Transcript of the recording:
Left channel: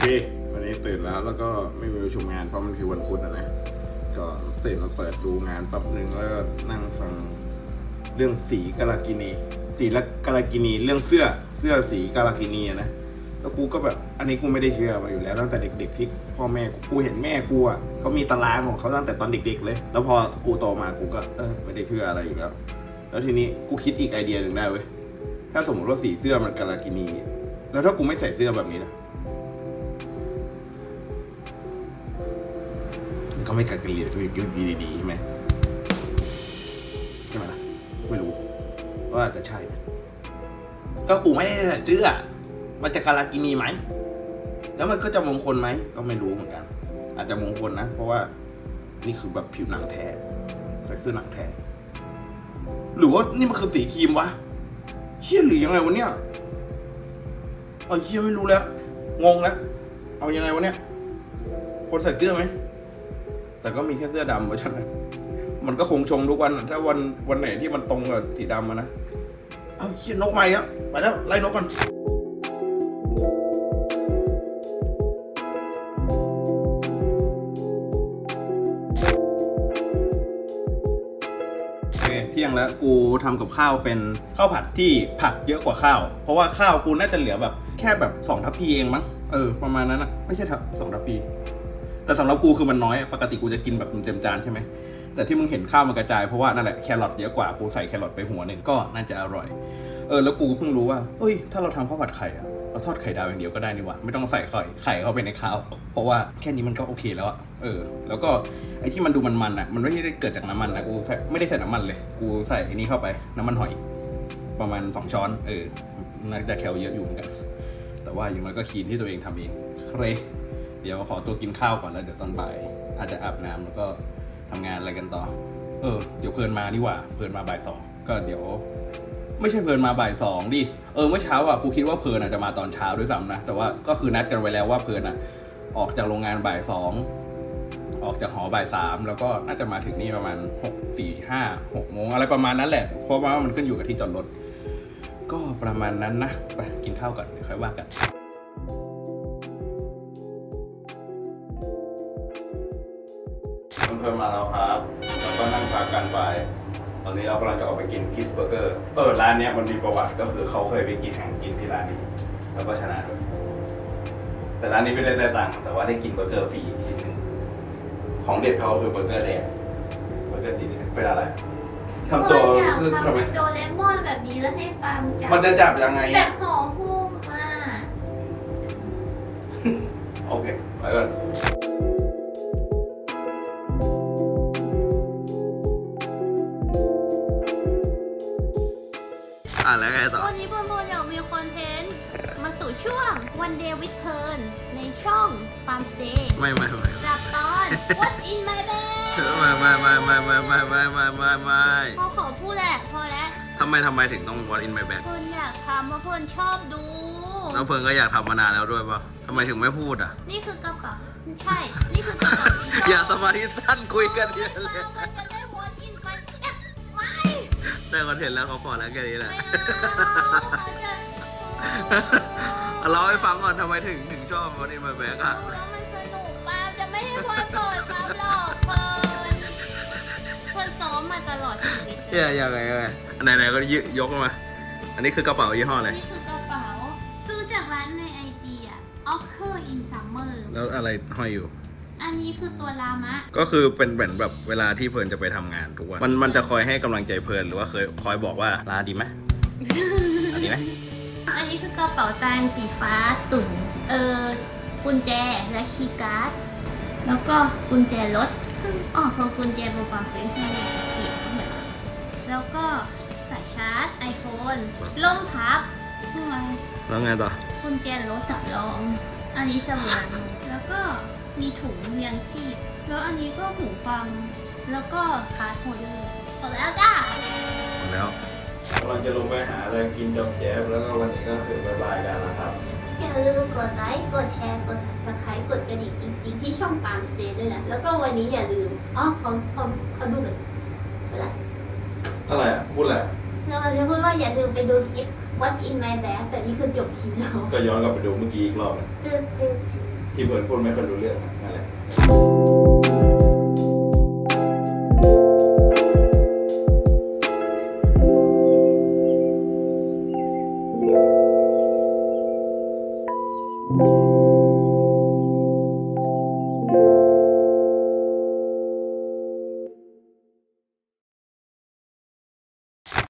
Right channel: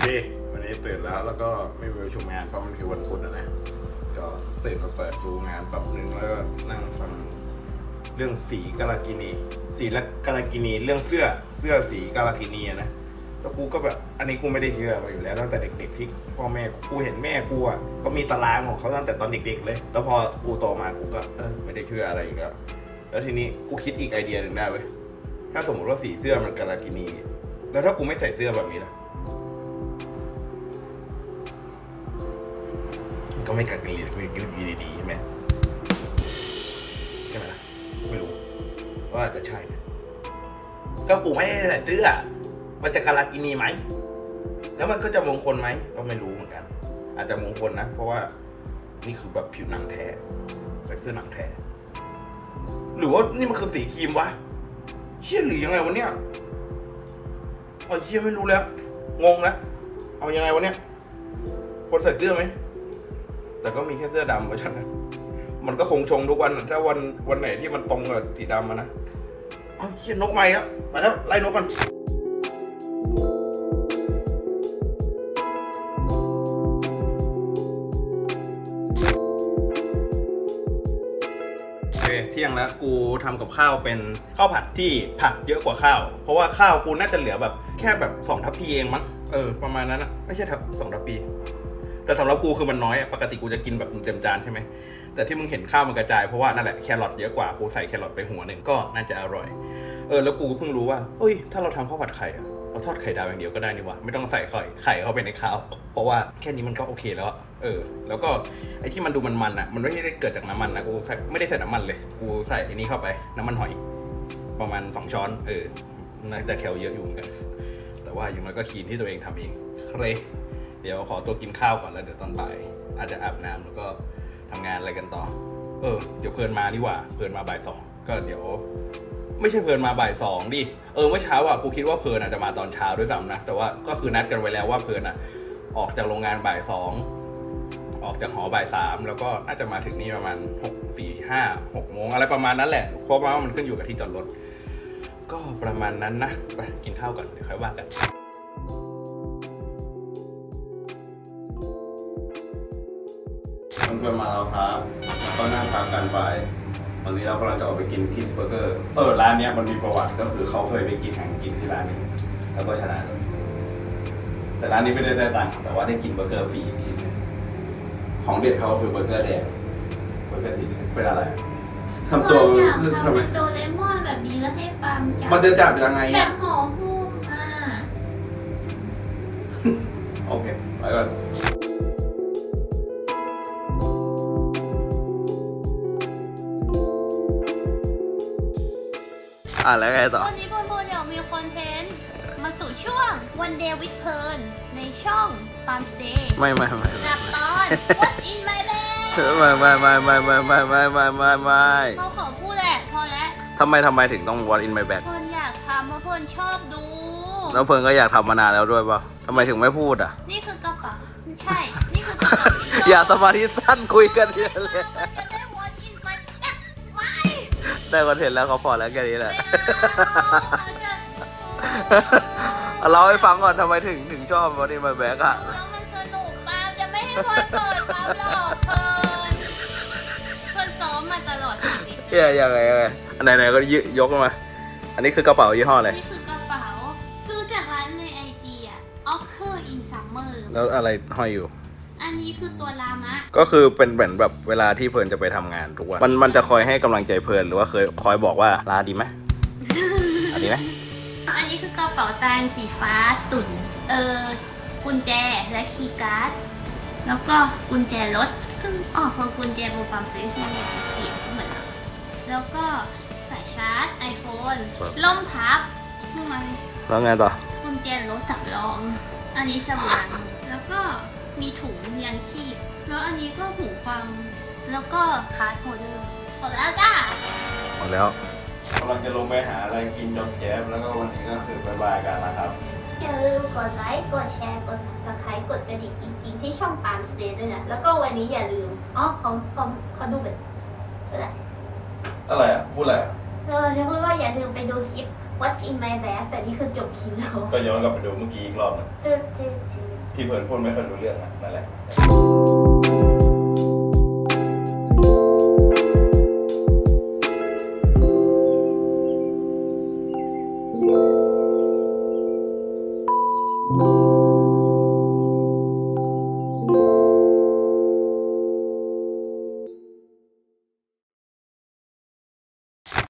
ค วันนี้ตื่นแล้วแล้วก็ไม่มีประชุมงานเพราะมันคือวันพุธนะนะ ก็ตื่นมาเปิดดูงานแป๊บนึงแล้วก็นั่งฟังเรื่องสีกาลากินี สีและกาลากินีเรื่องเสื้อเสื้อสีกาลากินีอะนะแล้วกูก็แบบอันนี้กูไม่ได้เชื่อมาอยู่แล้วตั้งแต่เด็กๆที่พ่อแม่กูกูเห็นแม่กูอะเขามีตารางของเขาตั้งแต่ตอนเด็ก ๆ เลย แล้วพอกูโตมากูก็เออไม่ได้เชื่ออะไรอยู่แล้ว แล้วทีนี้กูคิดอีกไอเดียหนึ่งได้เว้ยถ้าสมมติว่าสีเสื้อมันกาลากินี แล้วถ้ากูไม่ใส่เสื้อแบบนี้ล่ะ ก็ไม่กัดกันเลยกูจะกินดีๆใช่ไหมใช่ไหมล่ะไม่รู้ ว่าจะใช่ไหมก็กูไม่ได้ใส่เสื้อมันจะการากินีไหม แล้วมันก็จะมงคลไหมก็ไม่รู้เหมือนกัน อาจจะมงคลนะ เพราะว่านี่คือแบบผิวหนังแท้ใส่เสื้อหนังแท้หรือว่านี่มันคือสีครีมวะเชี่ยหรือยังไงวะเนี่ยเอาเชี่ยไม่รู้แล้ว งงแล้วเอายังไงวะเนี่ย คนใส่เสื้อไหม แต่ก็มีแค่เสื้อดำเพราะฉะนั้นมันก็คงชงทุกวันอะถ้าวันวันไหนที่มันตรงกับสีดำอะนะเอาเชี่ยนกมาอีกแล้วไปแล้วไล่นกกันโอเคเที่ยงแล้วกูทำกับข้าวเป็นข้าวผัดที่ผักเยอะกว่าข้าว เพราะว่าข้าวกูน่าจะเหลือแบบแค่แบบสองทัพพีเองมั้งเออประมาณนั้นอะไม่ใช่ทัพสองทัพพี แต่สำหรับกูคือมันน้อยอะปกติกูจะกินแบบเต็มจานใช่ไหมแต่ที่มึงเห็นข้าวมันกระจายเพราะว่านั่นแหละแครอทเยอะกว่ากูใส่แครอทไปหัวหนึ่งก็น่าจะอร่อย เออแล้วกูก็เพิ่งรู้ว่าเอ้ย ถ้าเราทำข้าวผัดไข่อะเราทอดไข่ดาวอย่างเดียวก็ได้นี่หว่าไม่ต้องใส่ไข่ไข่เข้าไปในข้าว เพราะว่าแค่นี้มันก็โอเคแล้วเออ แล้วก็ไอ้ที่มันดูมันๆอะ มันไม่ได้เกิดจากน้ำมันนะกูใส่ไม่ได้ใส่น้ำมันเลย กูใส่ไอ้นี้เข้าไปน้ำมันหอย ประมาณสองช้อน เออน่แคลเยอะอยู่เหมือนกันแต่ว่าอย่างน้อยก็คีนที่ตัวเองทำเองเคร เดี๋ยวขอตัวกินข้าวก่อนแล้วเดี๋ยวตอนบ่ายอาจจะอาบน้ำแล้วก็ทำงานอะไรกันต่อ เออ เดี๋ยวเพลินมานี่หว่า เพลินมาบ่ายสองก็เดี๋ยว ไม่ใช่เพลินมาบ่ายสองดิ เออเมื่อเช้าอะกูคิดว่าเพลินอาจจะมาตอนเช้าด้วยซ้ำนะ แต่ว่าก็คือนัดกันไว้แล้วว่าเพลินอะ ออกจากโรงงานบ่ายสองออกจากหอบ่ายสามแล้วก็น่าจะมาถึงนี่ประมาณหกสี่ห้าหกโมงอะไรประมาณนั้นแหละ เพราะว่ามันขึ้นอยู่กับที่จอดรถ ก็ประมาณนั้นนะ ไปกินข้าวก่อนเดี๋ยวค่อยว่ากัน เพื่อนมาแล้วครับแล้วก็นั่งตามกันไปตอนนี้เรากำลังจะออกไปกินคิสเบอร์เกอร์เออร้านเนี้ยมันมีประวัติก็คือเขาเคยไปกินแข่งกินที่ร้านหนึงแล้วก็ชนะเลยแต่ร้านนี้ไม่ได้ได้ตังค์แต่ว่าได้กินเบอร์เกอร์ฟรีอีกชิ้นหนึ่งของเด็ดเขาคือเบอร์เกอร์แดงเบอร์เกอร์สีแดงเป็นอะไรทำตัวอยากคือทำทำไมเป็นโดเรมอนแบบนี้แล้วให้ปามจับมันจะจับยังไงแบอะบห่อหุ้มอะ โอเคไปก่อน อะแล้วไงต่อ วันนี้พวกเราอยากมีคอนเทนต์มาสู่ช่วง One Day with p e r n ในช่อง Palm Stay ไม่ไม่ไม่กับตอน What's in my bag ไม่ไม่ไม่ไม่ไม่ไม่ไม่ไม่ไม่ไม่พอขอพูดแหละพอแล้วทำไมทำไมถึงต้อง what in my bag คนอยากทำเพราะคนชอบดู แล้วเพิงก็อยากทำมานานแล้วด้วยป่ะทำไมถึงไม่พูดอะ นี่คือกระเป๋าไม่ใช่ นี่คือกระเป๋าที่ชบอย่าสมาธิสั้นคุยกันเยอะเลยมั ได้คอนเทนต์แล้วเขาพอแล้วแค่นี้แหละไม่เอาเล่าให้ฟังก่อนทำไมถึงถึงชอบ what in my bag อะแล้วมันสนุกป้าจะไม่ให้เพื่อนเปิดป้าหรอกเพื่อนเพื่อนซ้อมมาตลอดชีวิตเฮียยังไงยังไงอันไหนๆก็ยยกมา อันนี้คือกระเป๋ายี่ห้ออะไรนี่คือกระเป๋า ซื้อจากร้านในไอจีอะ Ocker in Summer แล้วอะไรห้อยอยู่ อันนี้คือตัวลามะ ก็คือเป็นเหมือนแบบเวลาที่เพลินจะไปทำงานทุกวันมันมันจะคอยให้กำลังใจเพลินหรือว่าเคยคอยบอกว่าลาดีไหมอันนี้ไหมอันนี้คือกระเป๋าตังค์สีฟ้าตุ่น เออกุญแจและคีย์การ์ด แล้วก็กุญแจรถซึ่งอ๋อพอกุญแจโบปังซื้อที่มันสีเขียวเหมือนแล้วก็สายชาร์จ iPhone ล่มพับนี่ไงแล้วไงต่อกุญแจรถจับรอง อันนี้สว่างแล้วก็ มีถุงยังชีพ แล้วอันนี้ก็หูฟัง แล้วก็คาร์ดโฮลเดอร์หมดแล้วจ้า หมดแล้ว กำลังจะลงไปหาอะไรกินจบแจฟแล้วก็วันนี้ก็คือบายบายกันนะครับ อย่าลืมกดไลค์ กดแชร์ กด subscribe กดกระดิ่งจริงๆ ที่ช่องปาล์มสเตย์ด้วยนะ แล้วก็วันนี้อย่าลืม อ๋อขอเขาเขาดูแบบอะไรอะไรอะ พูดอะไรอะเราจะพูดว่าอย่าลืมไปดูคลิป What's in my bag แต่นี่คือจบคลิปแล้ว ก็ย้อนกลับไปดูเมื่อกี้อีกรอบนะตึ๊ดตึ๊ดตึ๊ด ที่เพื่อนพูดไม่ค่อยรู้เรื่องนะนั่นแหละ